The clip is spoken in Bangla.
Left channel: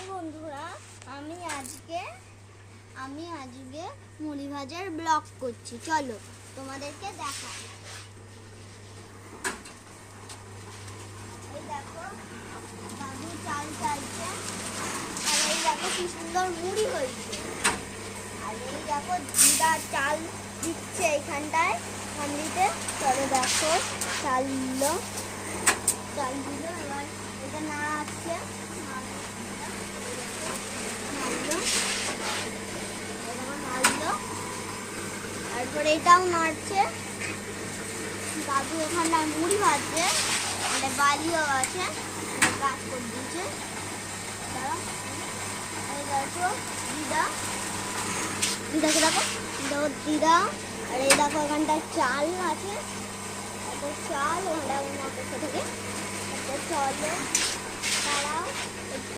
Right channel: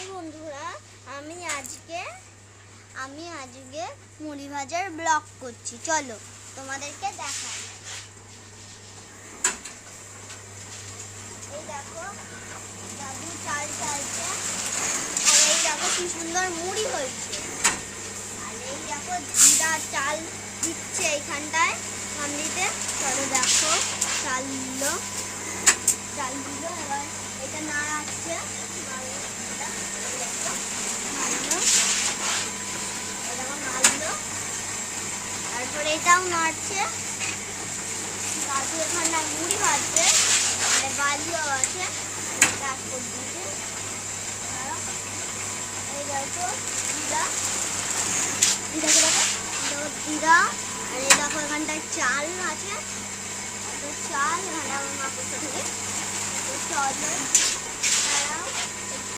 হাই বন্ধুরা, আমি আজকে মুড়ি ভাজার ব্লগ করছি। চলো তোমাদেরকে দেখাই। এই দেখো দাদু চাল চালছে, আর এই দেখো কি সুন্দর মুড়ি হয়েছে। আর এই দেখো দিদা চাল দিচ্ছে এইখানটায় হান্ডিতে। চলো দেখো চাল দিল, এবার এটা নাড়াচ্ছে, তারপরে এটাও নাড়ছে। দাদু এখানটায় মুড়ি ভাজছে, মানে বালিও আছে, দিদা। আর এই দেখো এখানটায় চাল আছে, চাল এখানে আমার মা কোথা থেকে। চলো